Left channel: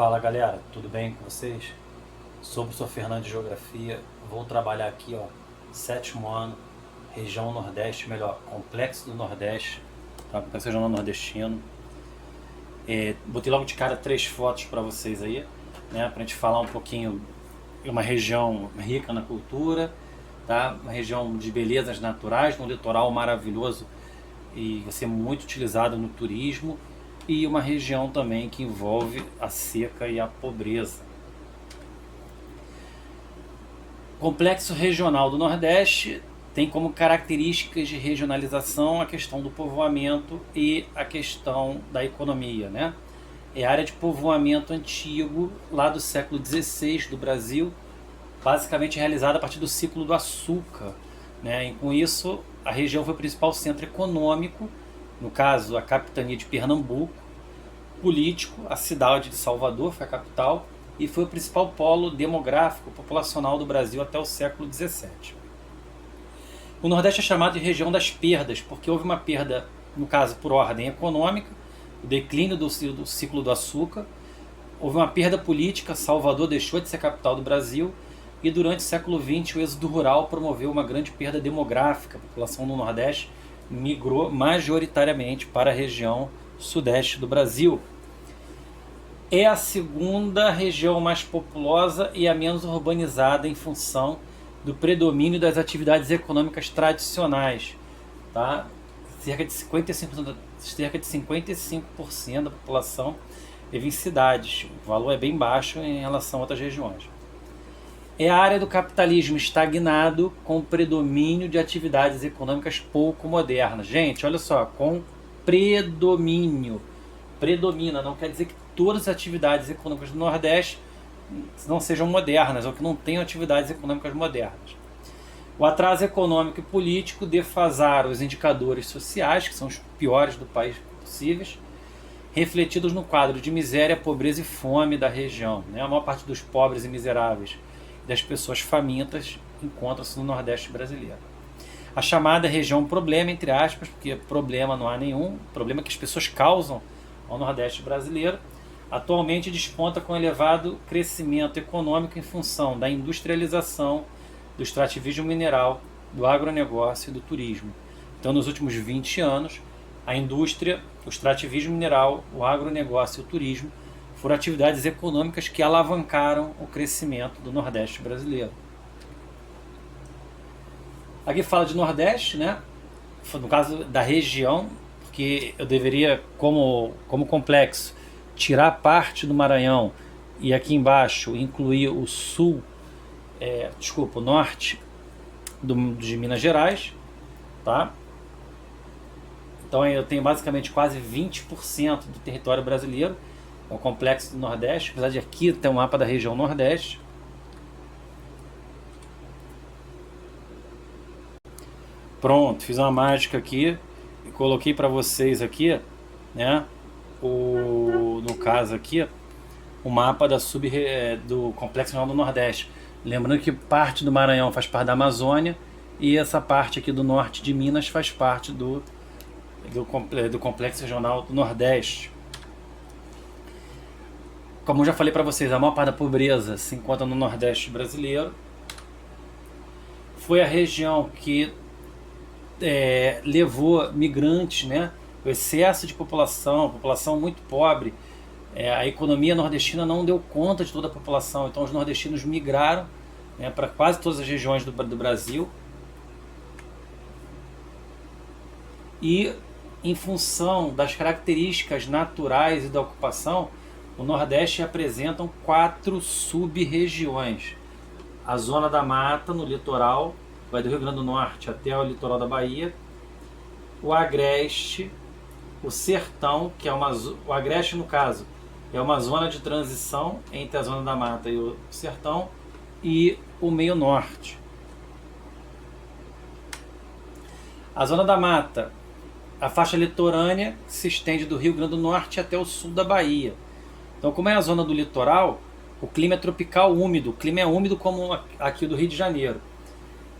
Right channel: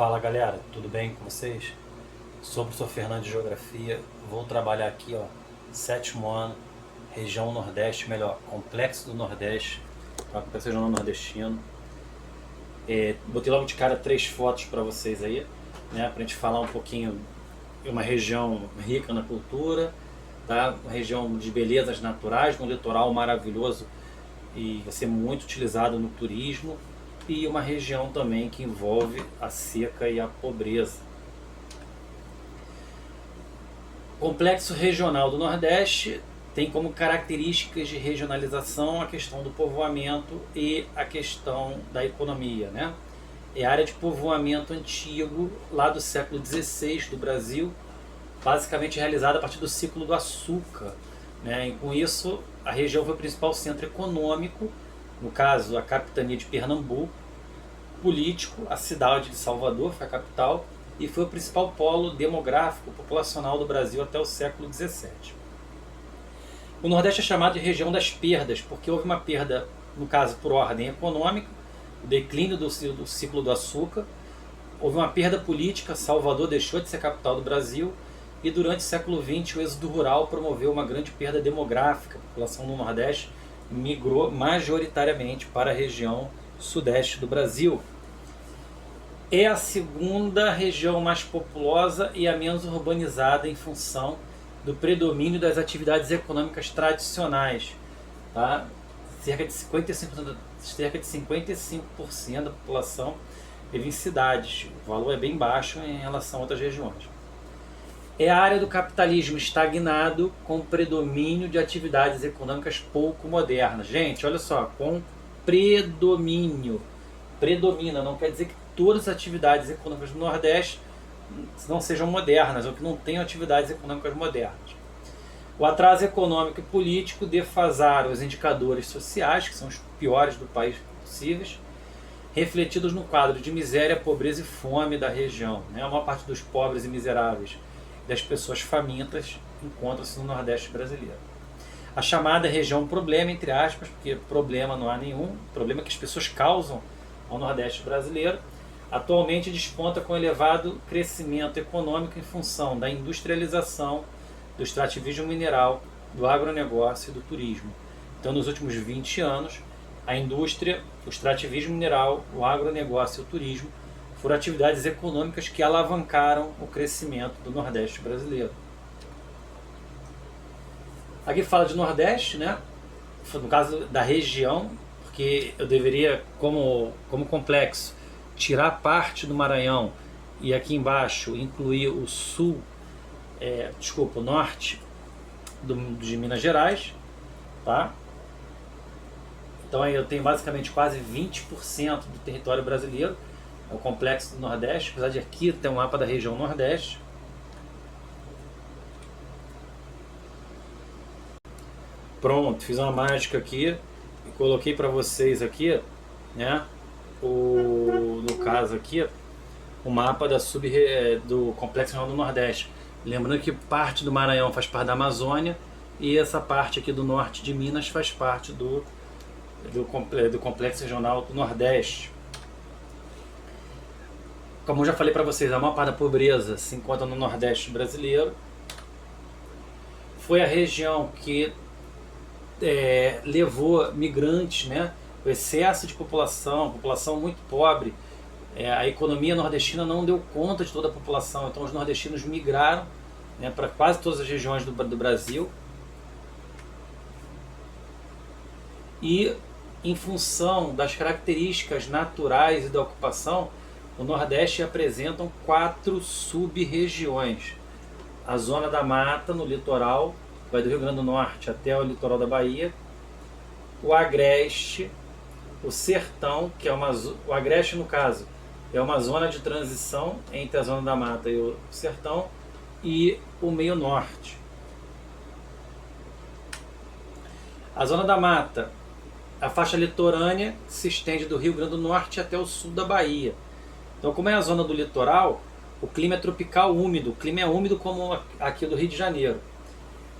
Fala galera, tudo bem com vocês? Sou o professor Fernando de Geografia, vou trabalhar aqui, sétimo ano, região Nordeste, melhor, Complexo do Nordeste, Complexo Regional Nordestino. Botei logo de cara 3 fotos para vocês aí, né, pra gente falar um pouquinho de uma região rica na cultura, tá? Uma região de belezas naturais, um litoral maravilhoso e vai ser muito utilizado no turismo, e uma região também que envolve a seca e a pobreza. O Complexo Regional do Nordeste tem como características de regionalização a questão do povoamento e a questão da economia, né? É a área de povoamento antigo, lá do século XVI do Brasil, basicamente realizada a partir do ciclo do açúcar, né? E com isso, a região foi o principal centro econômico, no caso, a capitania de Pernambuco, político, a cidade de Salvador foi a capital, e foi o principal polo demográfico populacional do Brasil até o século XVII. O Nordeste é chamado de região das perdas, porque houve uma perda, no caso, por ordem econômica, o declínio do ciclo do açúcar, houve uma perda política, Salvador deixou de ser capital do Brasil, e durante o século XX o êxodo rural promoveu uma grande perda demográfica. A população do Nordeste migrou majoritariamente para a região sudeste do Brasil. É a segunda região mais populosa e a menos urbanizada em função do predomínio das atividades econômicas tradicionais, tá? Cerca de 55% da população vive em cidades. O valor é bem baixo em relação a outras regiões. É a área do capitalismo estagnado com predomínio de atividades econômicas pouco modernas. Gente, olha só, com predomínio. Predomina, não quer dizer que todas as atividades econômicas do Nordeste não sejam modernas, ou que não tenham atividades econômicas modernas. O atraso econômico e político defasaram os indicadores sociais, que são os piores do país possíveis, refletidos no quadro de miséria, pobreza e fome da região, né? A maior parte dos pobres e miseráveis e das pessoas famintas encontra-se no Nordeste brasileiro. A chamada região problema, entre aspas, porque problema não há nenhum, problema que as pessoas causam ao Nordeste brasileiro, atualmente desponta com elevado crescimento econômico em função da industrialização, do extrativismo mineral, do agronegócio e do turismo. Então, nos últimos 20 anos, a indústria, o extrativismo mineral, o agronegócio e o turismo foram atividades econômicas que alavancaram o crescimento do Nordeste brasileiro. Aqui fala de Nordeste, né? No caso da região, porque eu deveria, como complexo, tirar parte do Maranhão e aqui embaixo incluir o sul, o norte de Minas Gerais, tá? Então eu tenho basicamente quase 20% do território brasileiro, é o complexo do Nordeste, apesar de aqui ter um mapa da região Nordeste. Pronto, fiz uma mágica aqui e coloquei para vocês aqui, né? No caso aqui, o mapa do Complexo Regional do Nordeste. Lembrando que parte do Maranhão faz parte da Amazônia e essa parte aqui do norte de Minas faz parte do Complexo Regional do Nordeste. Como eu já falei para vocês, a maior parte da pobreza se encontra no Nordeste brasileiro. Foi a região que levou migrantes, né? O excesso de população muito pobre, a economia nordestina não deu conta de toda a população, então os nordestinos migraram, né, para quase todas as regiões do Brasil, e em função das características naturais e da ocupação, o Nordeste apresenta 4 sub-regiões. A zona da mata no litoral, vai do Rio Grande do Norte até o litoral da Bahia, o agreste, o sertão, que é o agreste, no caso, é uma zona de transição entre a zona da mata e o sertão, e o meio norte. A zona da mata, a faixa litorânea, que se estende do Rio Grande do Norte até o sul da Bahia. Então, como é a zona do litoral, o clima é tropical úmido, o clima é úmido como aqui do Rio de Janeiro.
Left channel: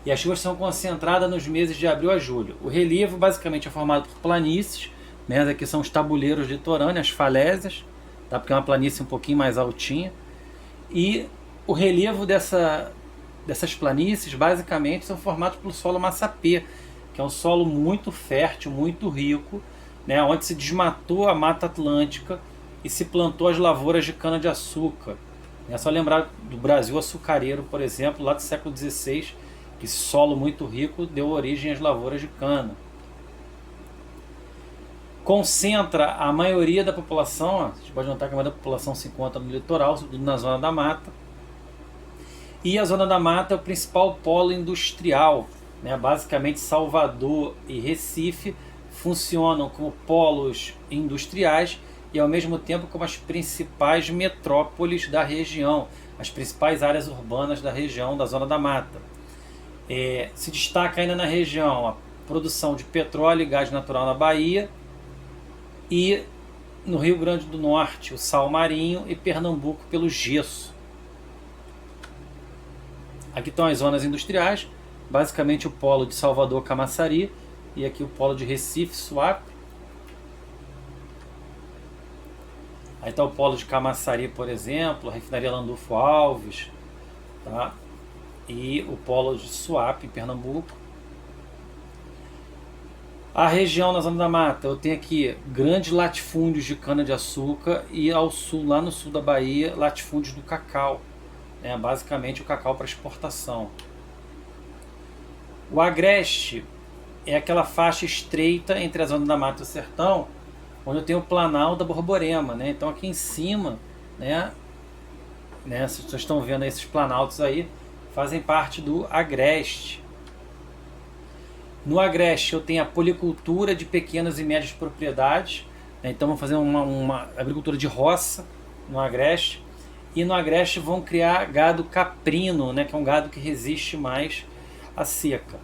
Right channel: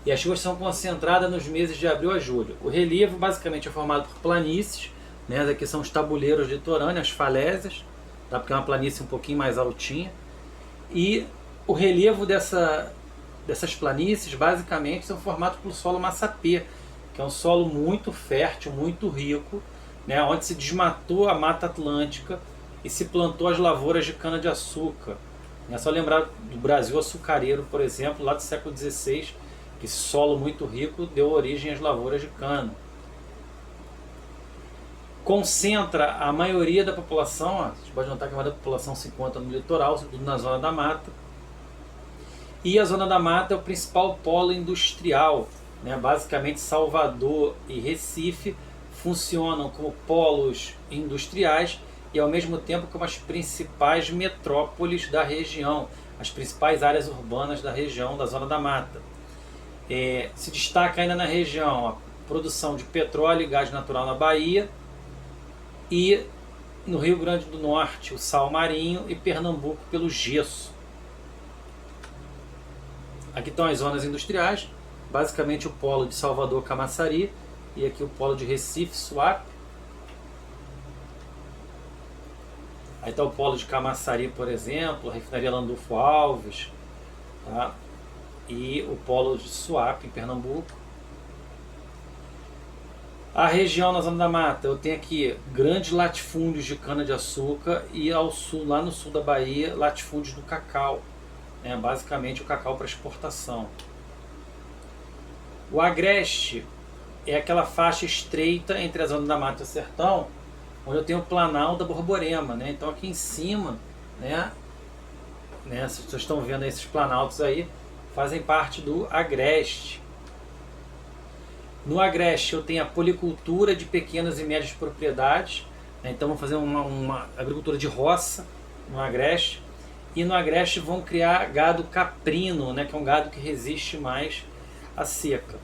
E as chuvas são concentradas nos meses de abril a julho. O relevo basicamente é formado por planícies, né? Aqui são os tabuleiros litorâneos, as falésias, tá? Porque é uma planície um pouquinho mais altinha. E o relevo dessas planícies basicamente são formados pelo solo massapê, que é um solo muito fértil, muito rico, né, onde se desmatou a Mata Atlântica e se plantou as lavouras de cana-de-açúcar. É só lembrar do Brasil açucareiro, por exemplo, lá do século XVI, que esse solo muito rico deu origem às lavouras de cana. Concentra a maioria da população, ó, a gente pode notar que a maioria da população se encontra no litoral, sobretudo na zona da mata. E a zona da mata é o principal polo industrial, né? Basicamente Salvador e Recife funcionam como polos industriais e ao mesmo tempo como as principais metrópoles da região, as principais áreas urbanas da região, da zona da mata. Se destaca ainda na região a produção de petróleo e gás natural na Bahia, e no Rio Grande do Norte o sal marinho, e Pernambuco pelo gesso. Aqui estão as zonas industriais, basicamente o polo de Salvador, Camaçari, e aqui o polo de Recife, Suape. Aí está o polo de Camaçari, por exemplo, a refinaria Landulfo Alves, tá? E o polo de Suape, em Pernambuco. A região na zona da mata, eu tenho aqui grandes latifúndios de cana-de-açúcar e ao sul, lá no sul da Bahia, latifúndios do cacau, né? Basicamente o cacau para exportação. O agreste é aquela faixa estreita entre a zona da mata e o sertão, onde eu tenho o Planalto da Borborema, né? Então aqui em cima, né, vocês estão vendo esses planaltos aí, fazem parte do agreste. No agreste eu tenho a policultura de pequenas e médias propriedades, né? Então vão fazer uma agricultura de roça no agreste. E no agreste vão criar gado caprino, né? Que é um gado que resiste mais à seca.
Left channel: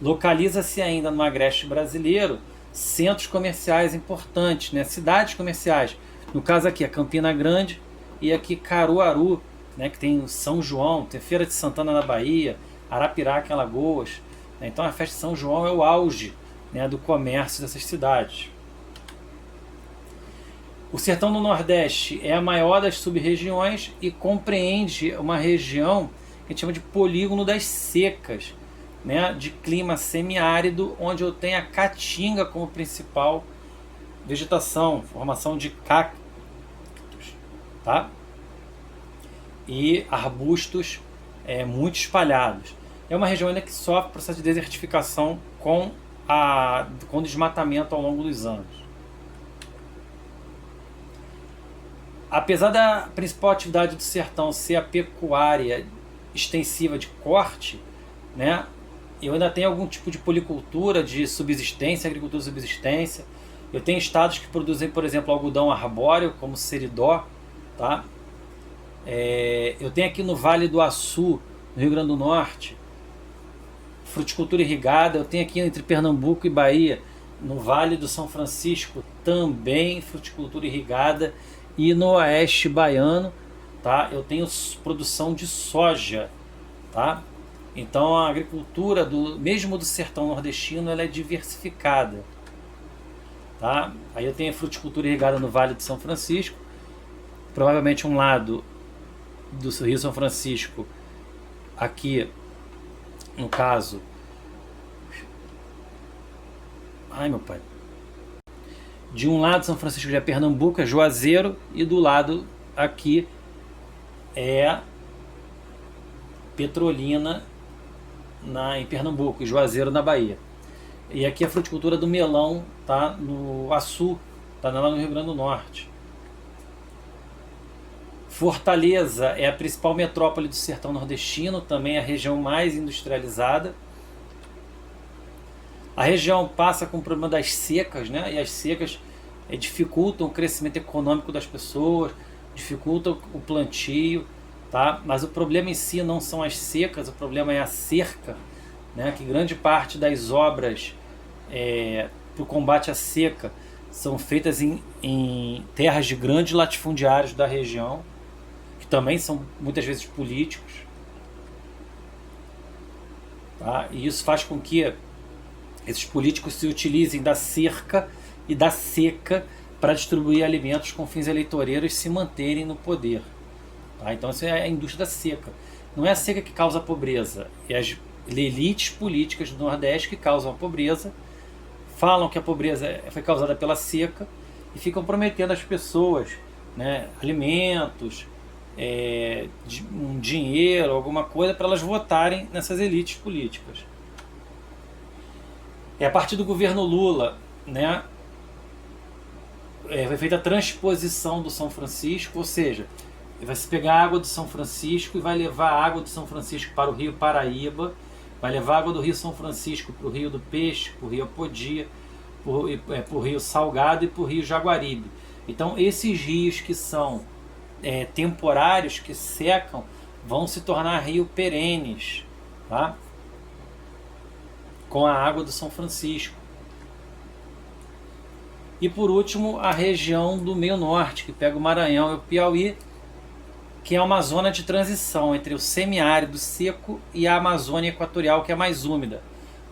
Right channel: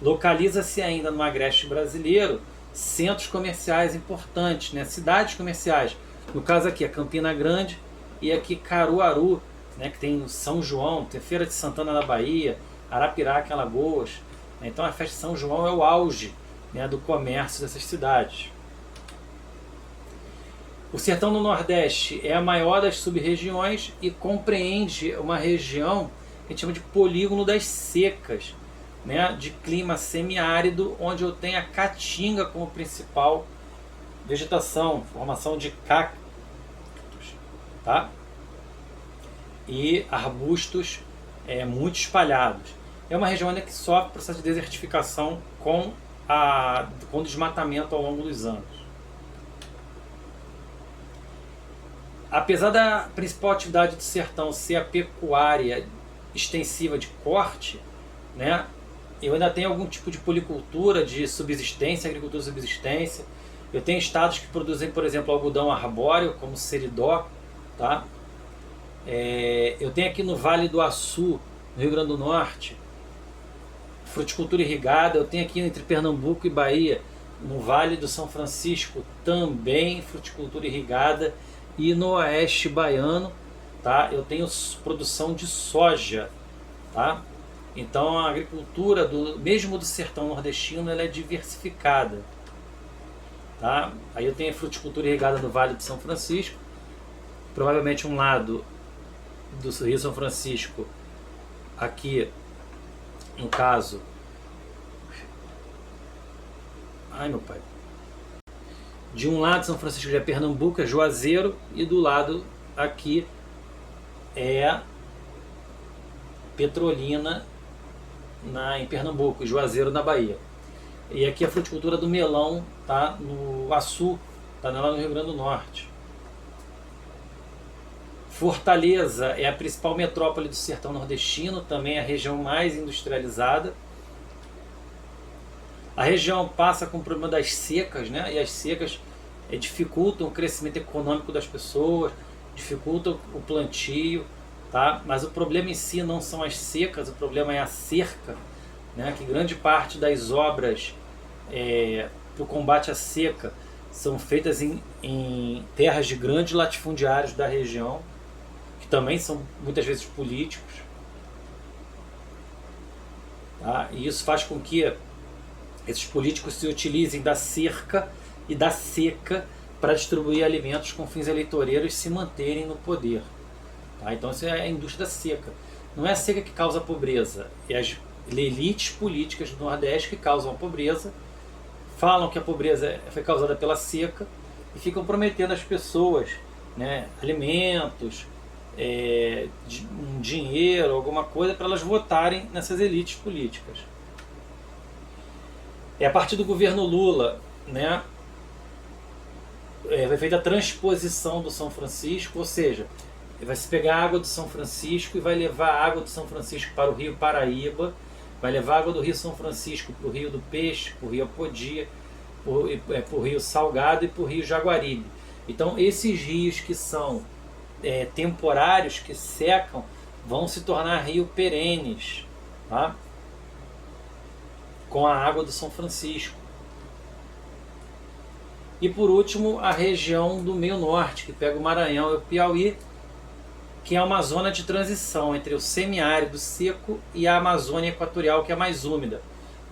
Localiza-se ainda no agreste brasileiro centros comerciais importantes, né? Cidades comerciais. No caso aqui, a Campina Grande e aqui Caruaru, né? Que tem São João, tem Feira de Santana na Bahia, Arapiraca em Alagoas. Então a festa de São João é o auge, né, do comércio dessas cidades. O sertão do Nordeste é a maior das sub-regiões e compreende uma região que a gente chama de polígono das secas, né, de clima semiárido, onde eu tenho a caatinga como principal vegetação, formação de cactos, tá? E arbustos muito espalhados. É uma região que sofre processo de desertificação com desmatamento ao longo dos anos. Apesar da principal atividade do sertão ser a pecuária extensiva de corte, né, eu ainda tenho algum tipo de policultura de subsistência, agricultura de subsistência. Eu tenho estados que produzem, por exemplo, algodão arbóreo, como Seridó, tá? Eu tenho aqui no Vale do Açu, no Rio Grande do Norte, fruticultura irrigada. Eu tenho aqui entre Pernambuco e Bahia, no Vale do São Francisco, também fruticultura irrigada. E no oeste baiano, tá, eu tenho produção de soja, tá? Então a agricultura mesmo do sertão nordestino, ela é diversificada, tá? Aí eu tenho a fruticultura irrigada no Vale do São Francisco, provavelmente um lado do Rio São Francisco, aqui no caso, meu pai, de um lado São Francisco é Pernambuco, é Juazeiro, e do lado aqui é Petrolina em Pernambuco, Juazeiro na Bahia. E aqui a fruticultura do melão, tá, no Açu, tá lá no Rio Grande do Norte. Fortaleza é a principal metrópole do sertão nordestino, também é a região mais industrializada. A região passa com o problema das secas, né? E as secas dificultam o crescimento econômico das pessoas, dificultam o plantio, tá? Mas o problema em si não são as secas, o problema é a cerca, né? Que grande parte das obras para o combate à seca são feitas em terras de grandes latifundiários da região, que também são muitas vezes políticos, tá? E isso faz com que esses políticos se utilizem da cerca e da seca para distribuir alimentos com fins eleitoreiros se manterem no poder. Tá? Então isso é a indústria da seca. Não é a seca que causa a pobreza, é as elites políticas do Nordeste que causam a pobreza, falam que a pobreza foi causada pela seca e ficam prometendo às pessoas, né, alimentos, um dinheiro, alguma coisa para elas votarem nessas elites políticas. A partir do governo Lula, né, foi feita a transposição do São Francisco, ou seja, vai se pegar a água do São Francisco e vai levar a água do São Francisco para o Rio Paraíba, vai levar a água do Rio São Francisco para o Rio do Peixe, para o Rio Apodi, para o Rio Salgado e para o Rio Jaguaribe. Então esses rios que são temporários, que secam, vão se tornar rios perenes, tá? Com a água do São Francisco. E por último, a região do meio norte, que pega o Maranhão e o Piauí, que é uma zona de transição entre o semiárido seco e a Amazônia equatorial, que é mais úmida.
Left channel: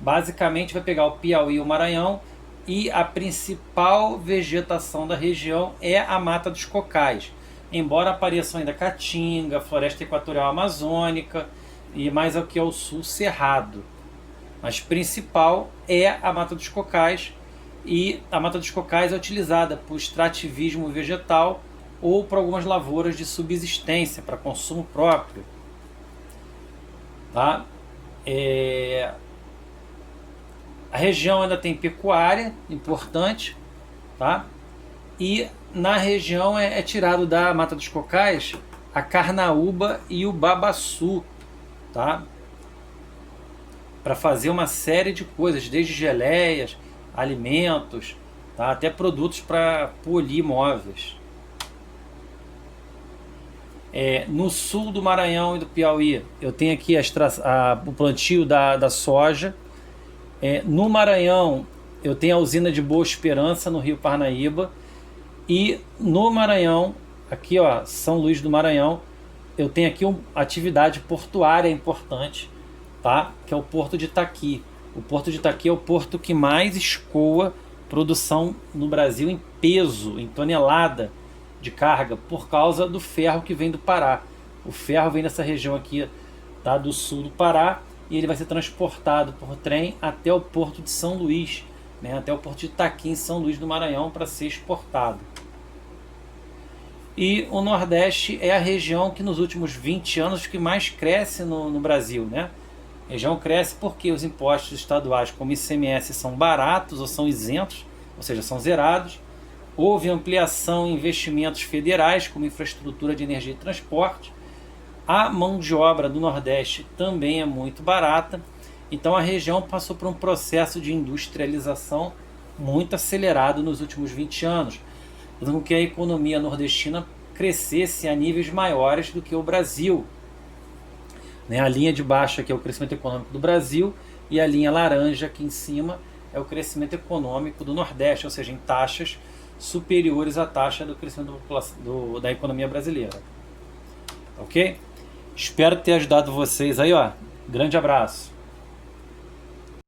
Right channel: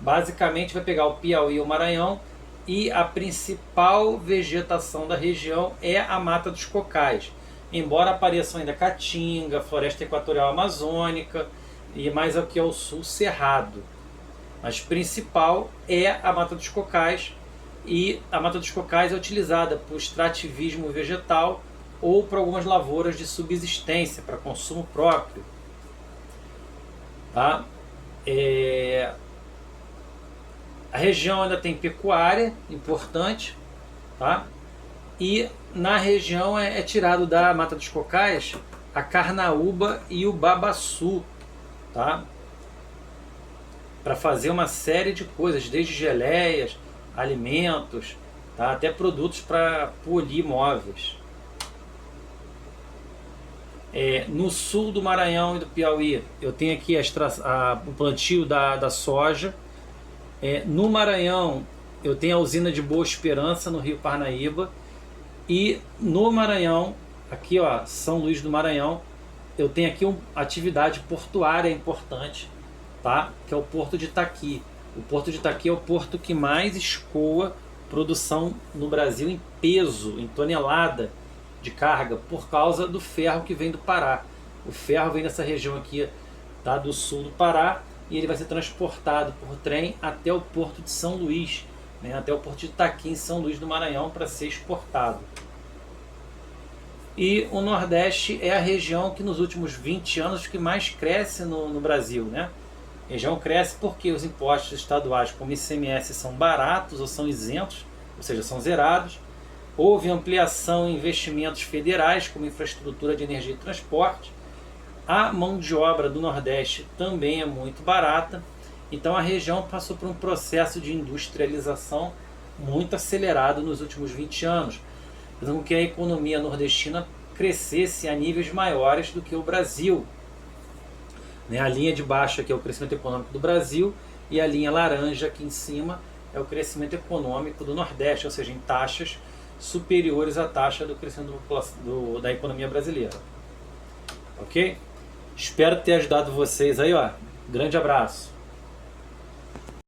Basicamente vai pegar o Piauí e o Maranhão, e a principal vegetação da região é a Mata dos Cocais, embora apareçam ainda Caatinga, Floresta Equatorial Amazônica e mais aqui ao sul Cerrado. Mas principal é a Mata dos Cocais, e a Mata dos Cocais é utilizada por extrativismo vegetal ou para algumas lavouras de subsistência, para consumo próprio. Tá? A região ainda tem pecuária importante, tá? E na região é tirado da Mata dos Cocais a carnaúba e o babaçu, tá? Para fazer uma série de coisas, desde geleias, alimentos, tá? Até produtos para polir móveis. No sul do Maranhão e do Piauí, eu tenho aqui o plantio da soja. No Maranhão, eu tenho a usina de Boa Esperança, no Rio Parnaíba. E no Maranhão, aqui ó, São Luís do Maranhão, eu tenho aqui uma atividade portuária importante, tá? Que é o Porto de Itaqui. O Porto de Itaqui é o porto que mais escoa produção no Brasil em peso, em tonelada de carga, por causa do ferro que vem do Pará. O ferro vem dessa região aqui, tá, do sul do Pará, e ele vai ser transportado por trem até o Porto de São Luís, né, até o Porto de Itaqui, em São Luís do Maranhão, para ser exportado. E o Nordeste é a região que nos últimos 20 anos que mais cresce no Brasil, né? A região cresce porque os impostos estaduais, como ICMS, são baratos ou são isentos, ou seja, são zerados. Houve ampliação em investimentos federais, como infraestrutura de energia e transporte. A mão de obra do Nordeste também é muito barata. Então a região passou por um processo de industrialização muito acelerado nos últimos 20 anos, fazendo com que a economia nordestina crescesse a níveis maiores do que o Brasil. A linha de baixo aqui é o crescimento econômico do Brasil, e a linha laranja aqui em cima é o crescimento econômico do Nordeste, ou seja, em taxas superiores à taxa do crescimento da economia brasileira. Ok? Espero ter ajudado vocês aí, ó. Grande abraço.